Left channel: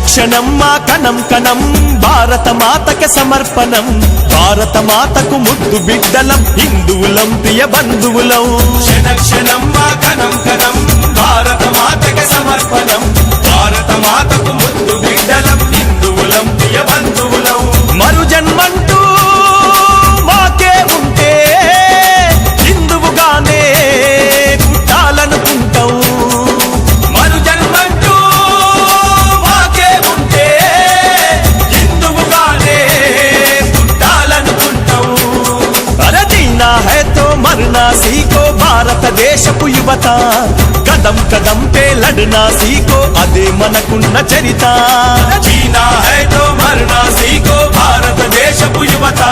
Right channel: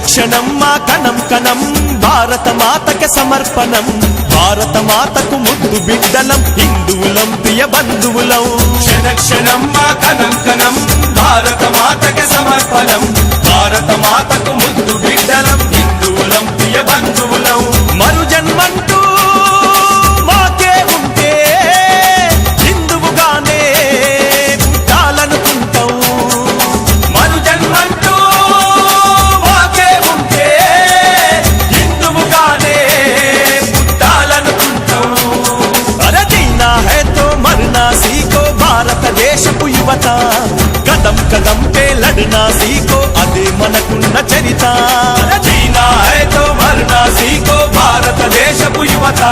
క్షణం మా కణం కణం భారత మాతకి సమర్పణం భారత మాతకు ముద్దు బిడ్డలం హిందువులం ప్రియ బంధువులం క్షణం మా కణం కణం భారత మాతకి సమర్పణం భారత మాతకు ముద్దు బిడ్డలం హిందువులం ప్రియ బంధువులం మరు జన్మంటూ మాకే ఉంటే హిందువుగానే పుట్టాలనుకుంటాం మరు జన్మంటూ మాకే ఉంటే హిందువుగానే పుట్టాలనుకుంటాం అరే జీనా హై తో మర్నా సీకో భారతదేశపు యువత కదం కదం పే లడ్నా సీకో అదే మనకున్న చరిత జీనా హై తో మర్నా సీకో భారతదేశపు యువత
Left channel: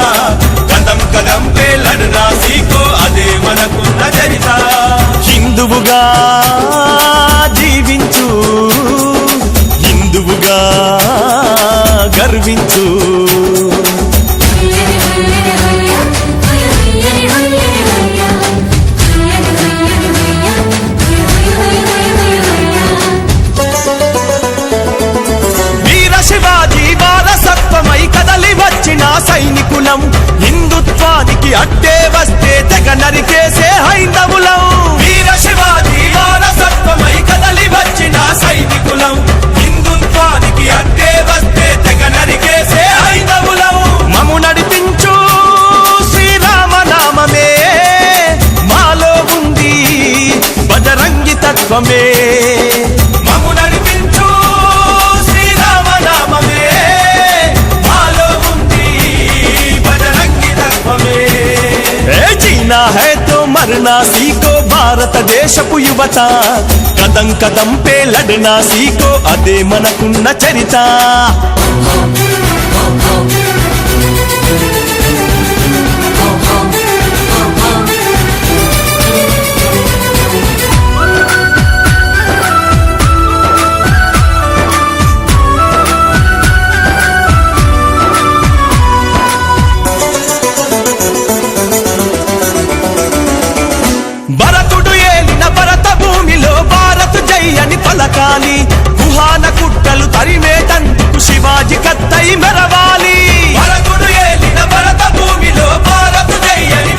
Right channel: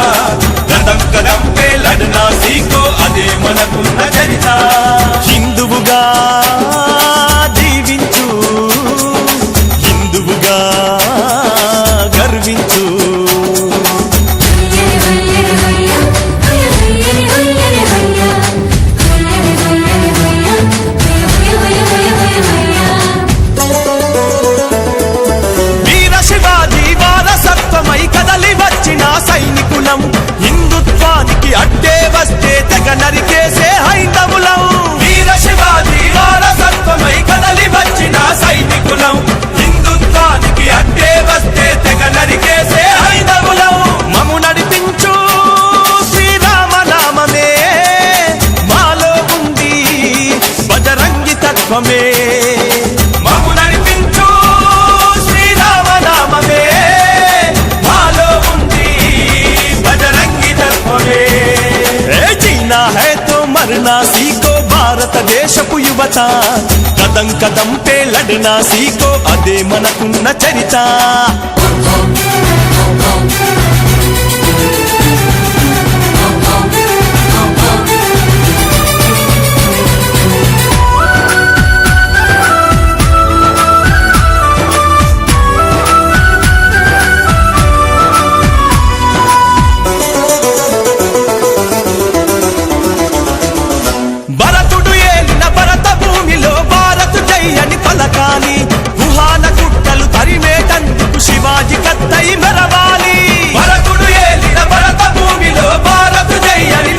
కదం కదం పే లడ్నా సీకో అదే మనకున్న చరిత హిందువుగా జీవించు హిందువుగా గర్వించు శివాజీ వారసత్వమై కదలి వచ్చిన సైనికులం హిందుత్వానికి అడ్డే వస్తే తెగ నరికేసే హైందవులం వీర శివాజీ వారసత్వమై కదలి వచ్చిన సైనికులం హిందుత్వానికి అడ్డే వస్తే తెగ నరికేసే హైందవులం మము నడిపించు శ్రీరామ నామమే మాలో ఉంది బజరంగి తత్వమే మము నడిపించు శ్రీరామ నామమే మాలో ఉంది బజరంగి తత్వమే జీనా హై తో మర్నా సీకో భారతదేశపు యువత కదం కదం పే లడ్నా సీకో అదే మనకున్న చరిత భరతుడు ఏలిన భరత భూమిలో భారత్ జై అని పలకాలి గుహాన కుట్టలు తరిమేటందుకు శివాజీ కత్తై మెరవాలి భరతుడు ఏలిన భరత భూమిలో భారత్ జై అని